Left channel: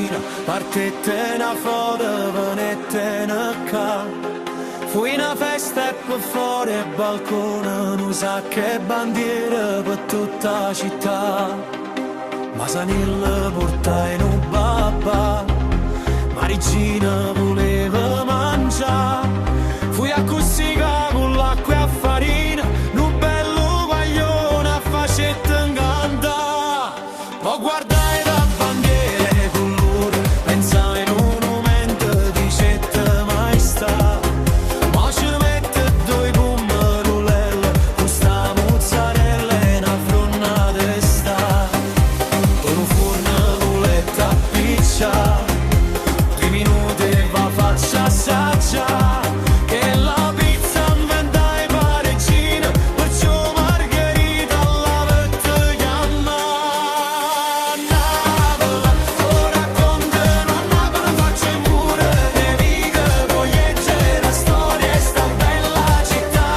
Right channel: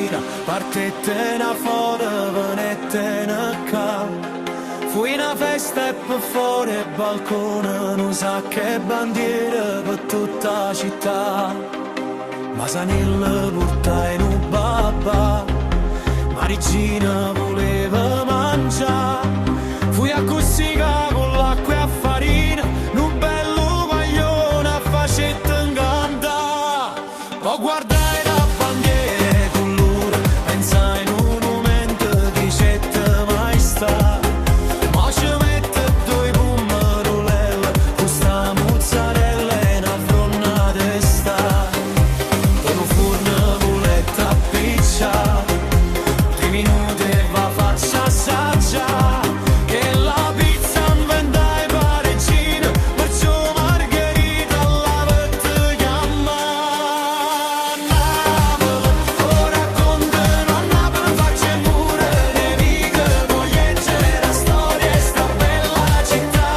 mattina partette una foto, venette qua. Fu una festa e per fuori il balcone, non sa che bandiera per tutta la città. Ma Sanil portai in un babà, Marigina voleva mangiare. Fui a Cossica con l'acqua e a farina, un bello guaglione a facetta incanta. Ho guardato da bandiere con loro, pensai in un momento di cetta maestà. Ma ci mette due pomerulelle, con sta mozzarella e una fronna de sta. Con un forno voletta a piccia, 2 minuti e va faccia assaggia. Che la pizza inventa i pareggini, perciò Margherita alla vette chiama. Napoli, lo raccontano a Napoli, faccia mure, neviche, vogliegge, la storia e sta bella città.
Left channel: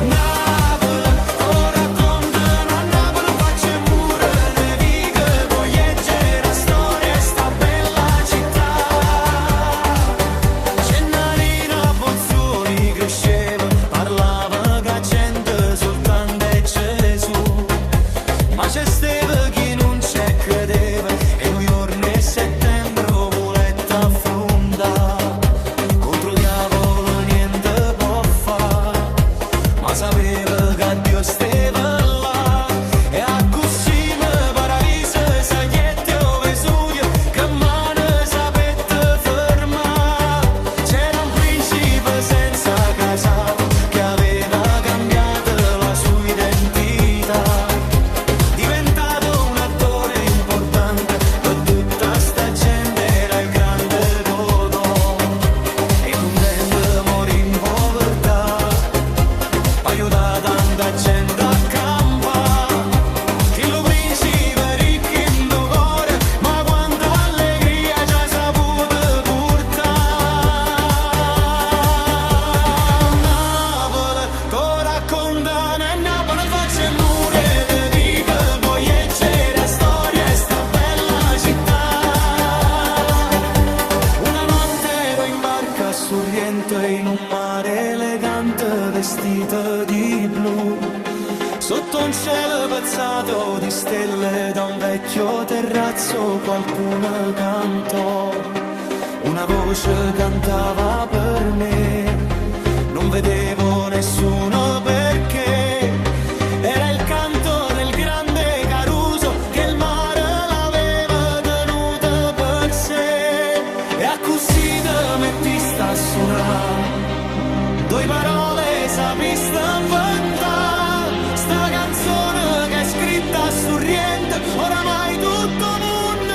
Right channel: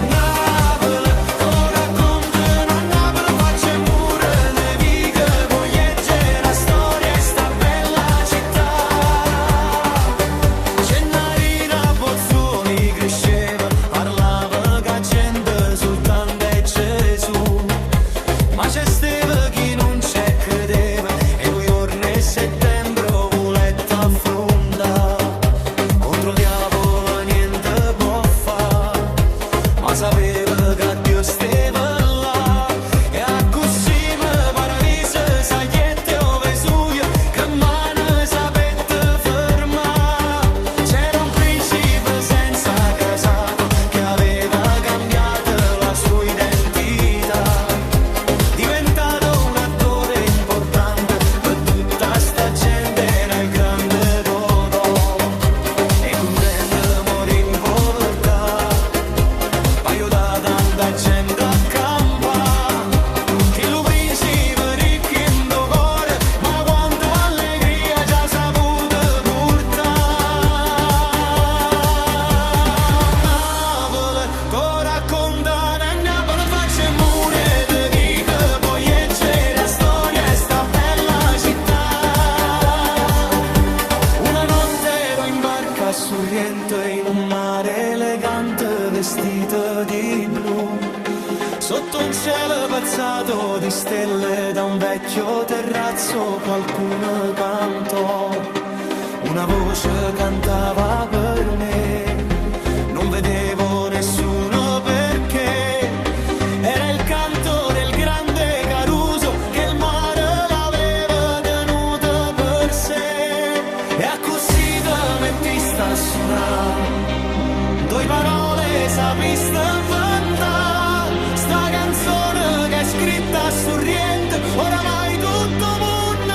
Napoli, lo raccontano a Napoli, faccia mure, neviche, vogliegge, la storia e sta bella città. Gennarina Bozzoli cresceva, parlava che gente soltanto è Gesù. Ma c'è steva chi non c'è credeva, e noi giorni e settembre voletta affronta. Contro il diavolo niente può fa, ma sapeva che Dio stava là. E a così me paradiso, sagliette o Vesuvio, che mano sapete ferma. C'era un principe senza casato, che aveva cambiato la sua identità. Diventato un attore importante, per tutta sta gente era il grande Totò. E contento morì in povertà, paio da tanta gente accampa. Che lo principe ricco in do cuore, ma quanta allegria ci ha saputo portare. Napoli, to raccontano e Napoli faccia mure, te dico poi leggere la storia e sta bella città. Una notte ero in barca a Sorrento in un mare elegante vestito di blu. Sotto un cielo pazzato di stelle, da un vecchio terrazzo qualcuno cantò. Una voce cantava per me, non vedevo nessuno perché era il canto del grande Caruso, che il mare l'aveva tenuto per sé. E a così te mettiste a suonare, due parole sapiste inventare. Sta canzone che è scritta a Sorrento, oramai tutto mondo